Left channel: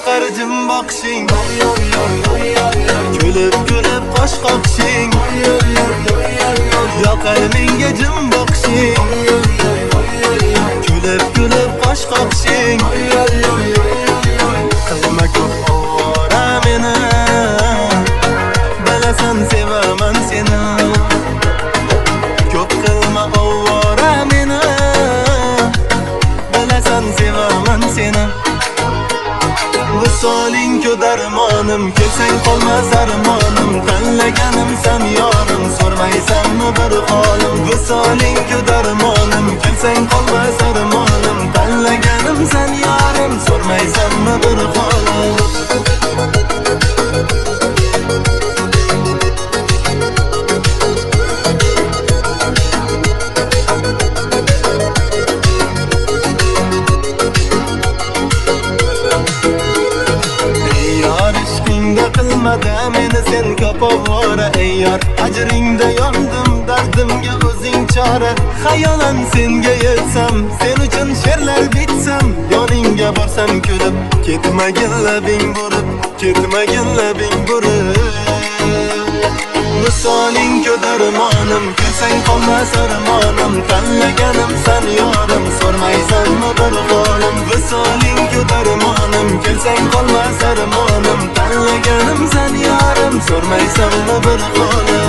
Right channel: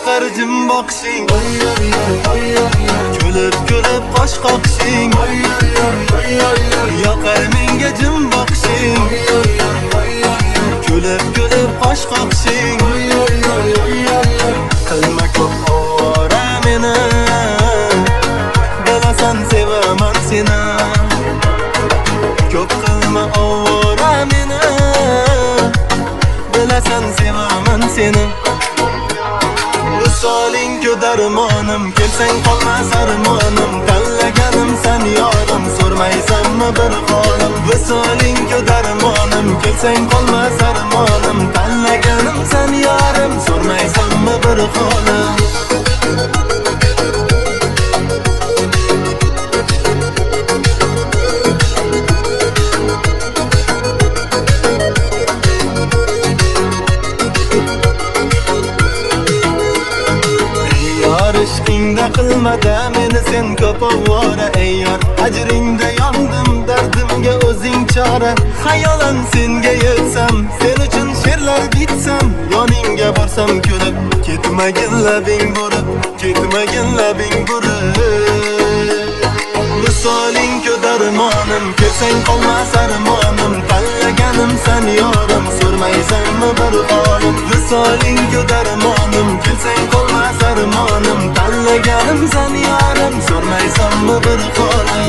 yoqar jim boqishing, kulib kulib qosh qoqishing, yoqar menga jim boqishing, kulib kulib qosh qoqishing. Qilma ko'p ovora meni, bilasan sevaman seni. Ko'p qilma ovora meni, bilasan sevaman seni. Visoling ku darmonim, ketsang qolmas armonim, tanlaganim san yorim, so'rmaysanmi bir holim. Visoling ku darmonim, ketsang qolmas armonim, tanlaganim san yorim, so'rmaysanmi bir holim. Ishqingda qilmada meni sen ko'p ovora ey yor, ajringda yondim dardimga o'zing chora. Xayolan senga yetsam, sen uchun she'rlar bitsam, yoningga borsam kulib, ketmagin labing bo'lib, ketmagin labing bo'lib. Visoling ku darmonim, kelsang qolmas armonim, tanlaganim san yorim, so'rmaysanmi bir holim. Visoling ku darmonim, kelsang qolmas armonim, tanlaganim san yorim, so'rmaysanmi bir holim.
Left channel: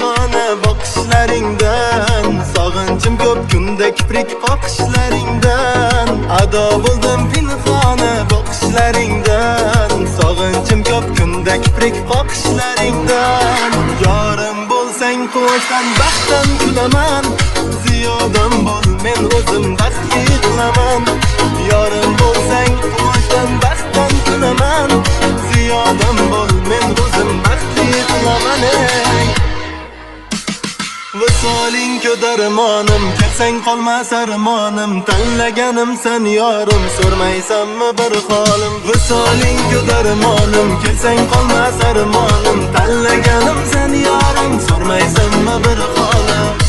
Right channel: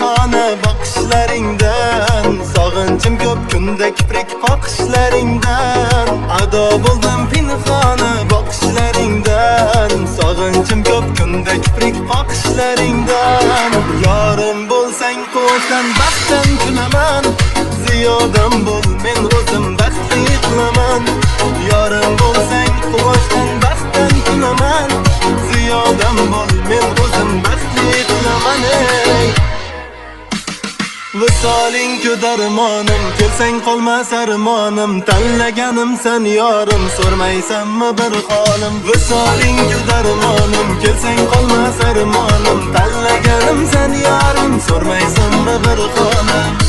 Xona boqishlaringdan, sog'inchim ko'p kunda kiprik qoqishlaringdan. Ado bo'ldim pinhona boqishlaringdan, sog'inchim ko'p kunda kiprik qoqishlaringdan. Yorim bo'lsang quvonchdan baxtdan kulaman, ziyodam bo'l men o'zim baxtli qilaman. Yorim bo'lsang quvonchdan baxtdan kulaman, ziyodam bo'l men o'zim baxtli qilaman. Visoling ku darmonim, kelsang qolmas armonim, tanlaganim san yorim, so'rmaysanmi bir holim. Visoling ku darmonim, kelsang qolmas armonim, tanlaganim san yorim, so'rmaysanmi bir holim.